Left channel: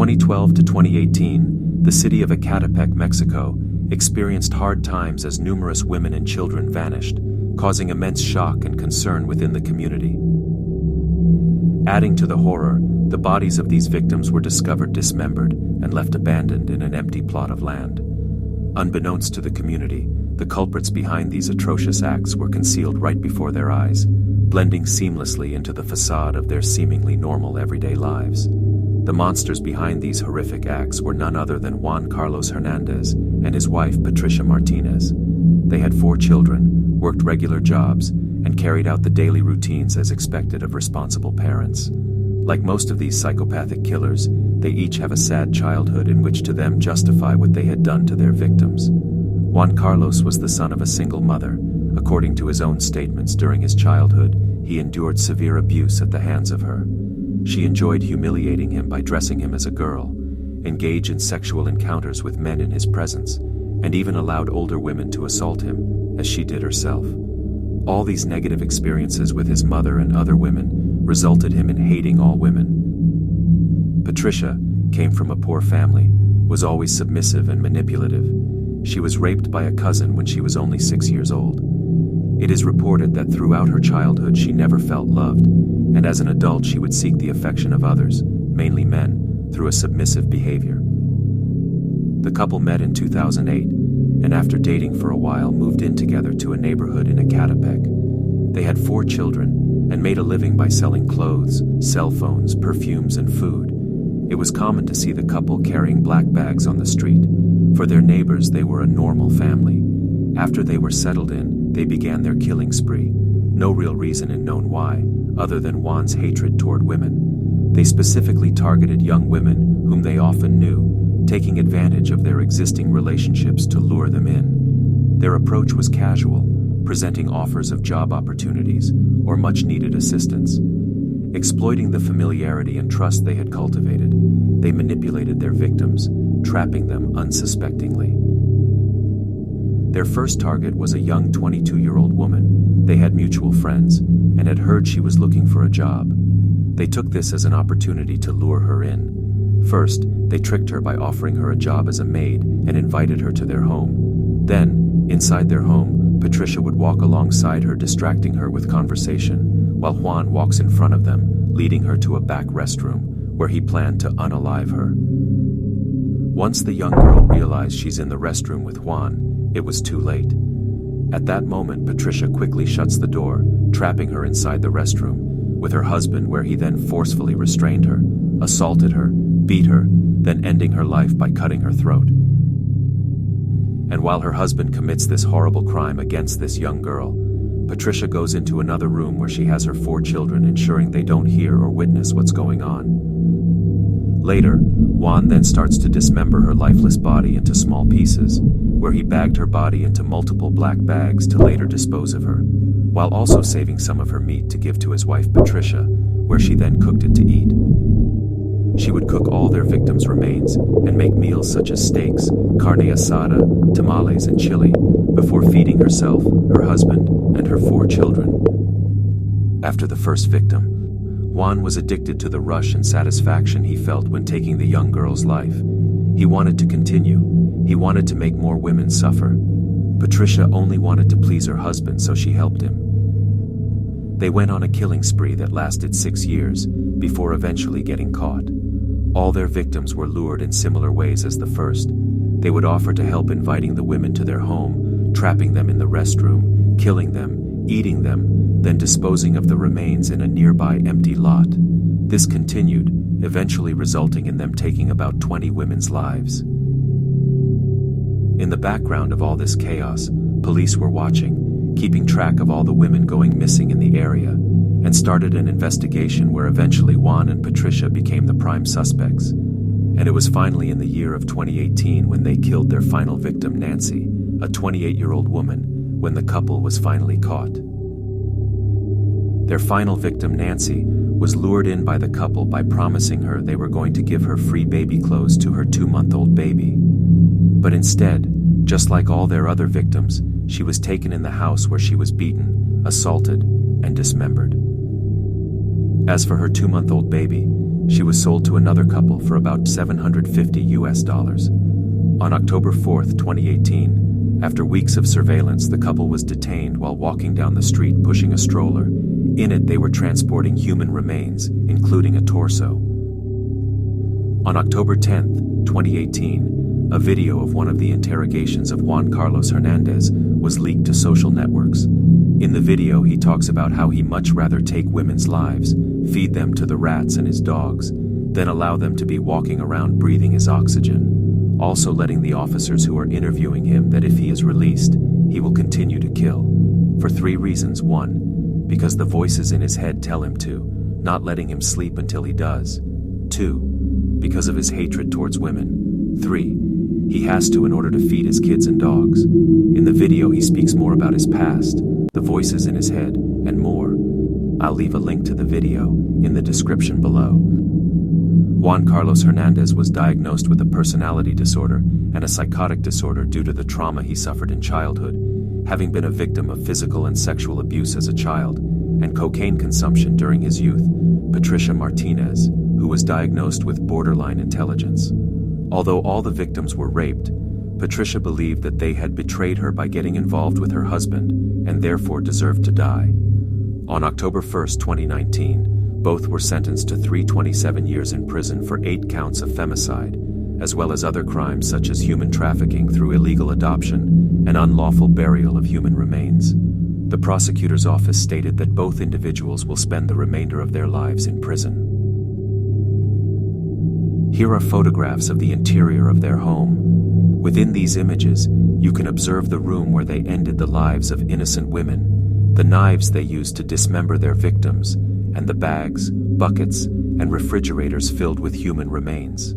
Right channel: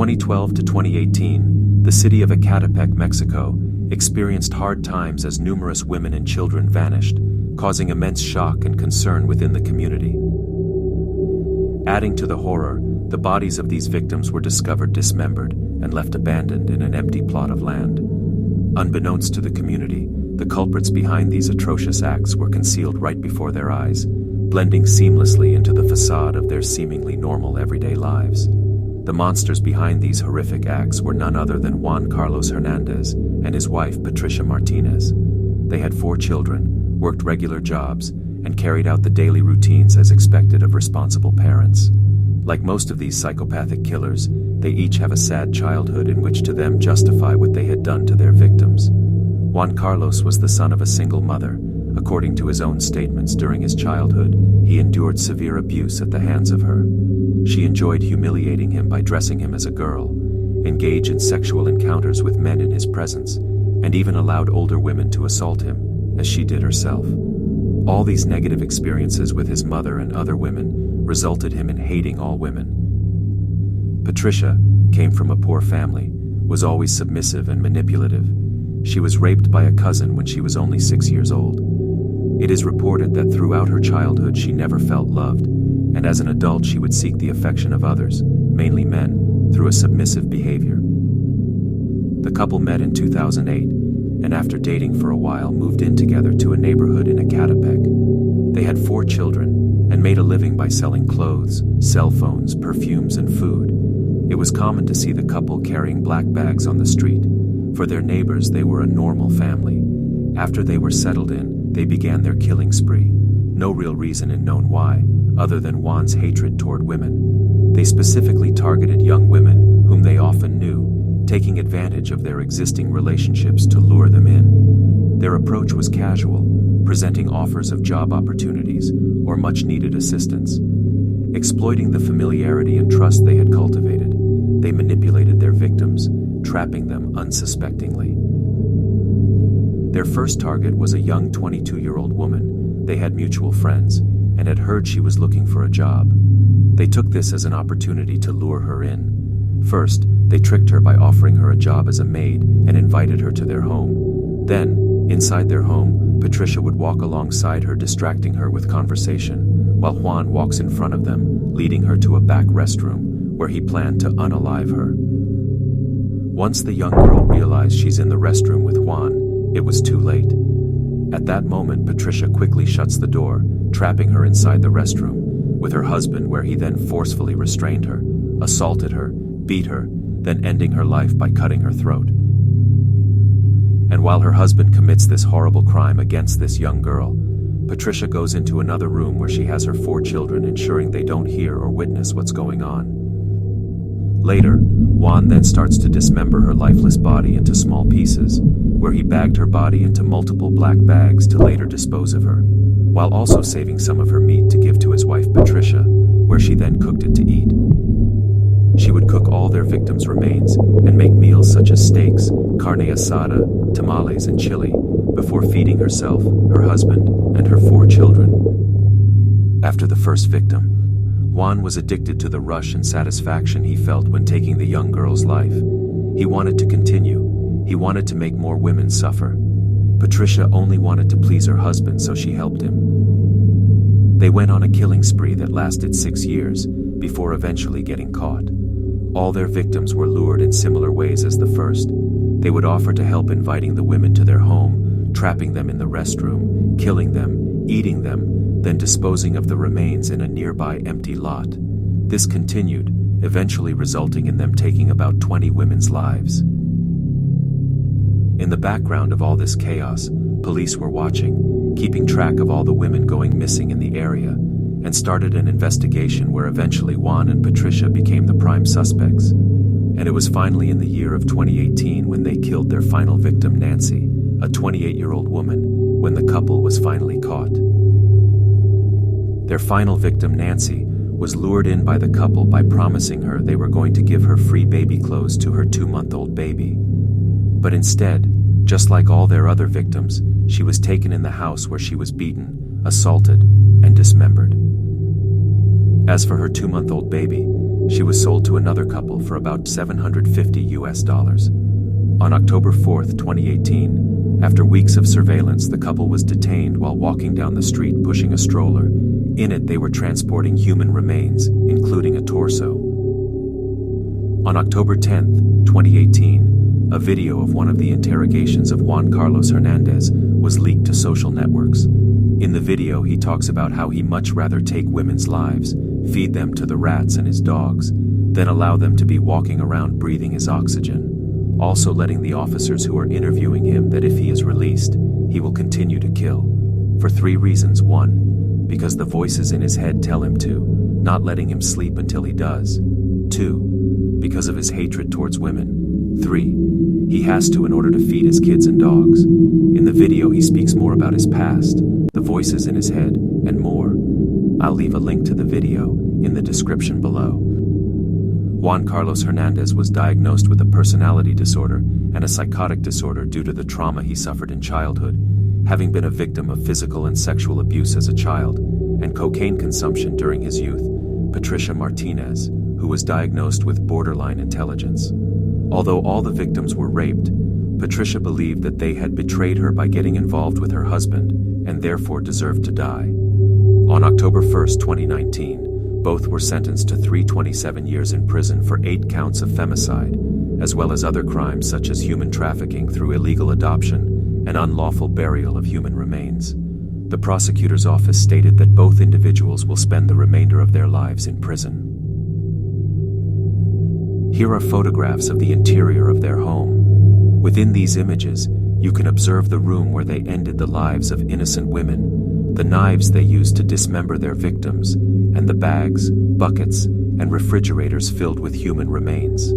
2012 to 2018, the city of Ecatepec, Mexico, experienced hard times as numerous women and children vanished, causing immense shock and concern within the community. Adding to the horror, the bodies of these victims were discovered dismembered and left abandoned in an empty plot of land. Unbeknownst to the community, the culprits behind these atrocious acts were concealed right before their eyes, blending seamlessly into the facade of their seemingly normal everyday lives. The monsters behind these horrific acts were none other than Juan Carlos Hernandez and his wife Patricia Martinez. They had 4 children, worked regular jobs, and carried out the daily routines as expected of responsible parents. Like most of these psychopathic killers, they each have a sad childhood in which to them justify what they had done to their victims. Juan Carlos was the son of a single mother. According to his own statements, during his childhood, he endured severe abuse at the hands of her. She enjoyed humiliating him by dressing him as a girl, engage in sexual encounters with men in his presence, and even allowed older women to assault him, as she did herself. All these negative experiences with his mother and other women resulted him in hating all women. Patricia came from a poor family, was always submissive and manipulative. She was raped by a cousin when she was only 6 years old. It is reported that throughout her childhood she never felt loved, and as an adult she would seek the affection of others, mainly men, through a submissive behavior. The couple met in 2008, and after dating for a while moved in together to a neighborhood in Ecatepec. They had 4 children and made a living by selling clothes, cell phones, perfumes, and food. It was common to see the couple carrying black bags on the street. For their neighbors, they were a normal family. After they were settled in, they began their killing spree. No real reason is known why, other than Juan's hatred toward women. They specifically targeted young women, whom they often knew, taking advantage of their existing relationships to lure them in. Their approach was casual, presenting offers of job opportunities or much-needed assistance. Exploiting the familiarity and trust they had cultivated, they manipulated their victims, trapping them unsuspectingly. Their first target was a young 22-year-old woman. They had mutual friends and had heard she was looking for a job. They took this as an opportunity to lure her in. First, they tricked her by offering her a job as a maid and invited her to their home. Then, inside their home, Patricia would walk alongside her, distracting her with conversation, while Juan walks in front of them, leading her to a back restroom, where he planned to unalive her. Once the young girl realized she's in the restroom with Juan, it was too late. At that moment, Patricia quickly shuts the door, trapping her inside the restroom, with her husband, where he then forcefully restrained her, assaulted her, beat her, then ending her life by cutting her throat. And while her husband commits this horrible crime against this young girl, Patricia goes into another room where she has her 4 children, ensuring they don't hear or witness what's going on. Later, Juan then starts to dismember her lifeless body into small pieces, where he bagged her body into multiple black bags to later dispose of her, while also saving some of her meat to give to his wife Patricia, where she then cooked it to eat. She would cook all their victims' remains and make meals such as steaks, carne asada, tamales, and chili, before feeding herself, her husband, and her 4 children. After the first victim, Juan was addicted to the rush and satisfaction he felt when taking the young girl's life. He wanted to continue. He wanted to make more women suffer. Patricia only wanted to please her husband, so she helped him. They went on a killing spree that lasted 6 years, before eventually getting caught. All their victims were lured in similar ways as the first. They would offer to help, inviting the women to their home, trapping them in the restroom, killing them, eating them, then disposing of the remains in a nearby empty lot. This continued, eventually resulting in them taking about 20 women's lives. In the background of all this chaos, police were watching, keeping track of all the women going missing in the area, and started an investigation where eventually Juan and Patricia became the prime suspects. And it was finally in the year of 2018 when they killed their final victim, Nancy, a 28-year-old woman, when the couple was finally caught. Their final victim, Nancy, was lured in by the couple by promising her they were going to give her free baby clothes to her 2-month-old baby. But instead, just like all their other victims, she was taken in the house where she was beaten, assaulted, and dismembered. As for her 2-month-old baby, She was sold to another couple for about $750. On October 4, 2018, after weeks of surveillance, the couple was detained while walking down the street pushing a stroller. In it, they were transporting human remains, including a torso. On October 10, 2018, a video of one of the interrogations of Juan Carlos Hernandez was leaked to social networks. In the video, he talks about how he much rather take women's lives, feed them to the rats and his dogs, than allow them to be walking around breathing his oxygen, also letting the officers who are interviewing him that if he is released, he will continue to kill. For 3 reasons. 1, because the voices in his head tell him to, not letting him sleep until he does. 2, because of his hatred towards women. 3, he has to in order to feed his kids and dogs. In the video, he speaks more about his past, the voices in his head, and more. I'll leave a link to the video in the description below. Juan Carlos Hernandez was diagnosed with a personality disorder and a psychotic disorder due to the trauma he suffered in childhood, having been a victim of physical and sexual abuse as a child, and cocaine consumption during his youth. Patricia Martinez, who was diagnosed with borderline intelligence. Although all the victims were raped, Patricia believed that they had betrayed her by getting involved with her husband and therefore deserved to die. On October 1, 2019, both were sentenced to 327 years in prison for 8 counts of femicide, as well as other crimes such as human trafficking through illegal adoption and unlawful burial of human remains. The prosecutor's office stated that both individuals will spend the remainder of their lives in prison. Here are photographs of the interior of their home. Within these images, you can observe the room where they ended the lives of innocent women, the knives they used to dismember their victims, and the bags, buckets, and refrigerators filled with human remains.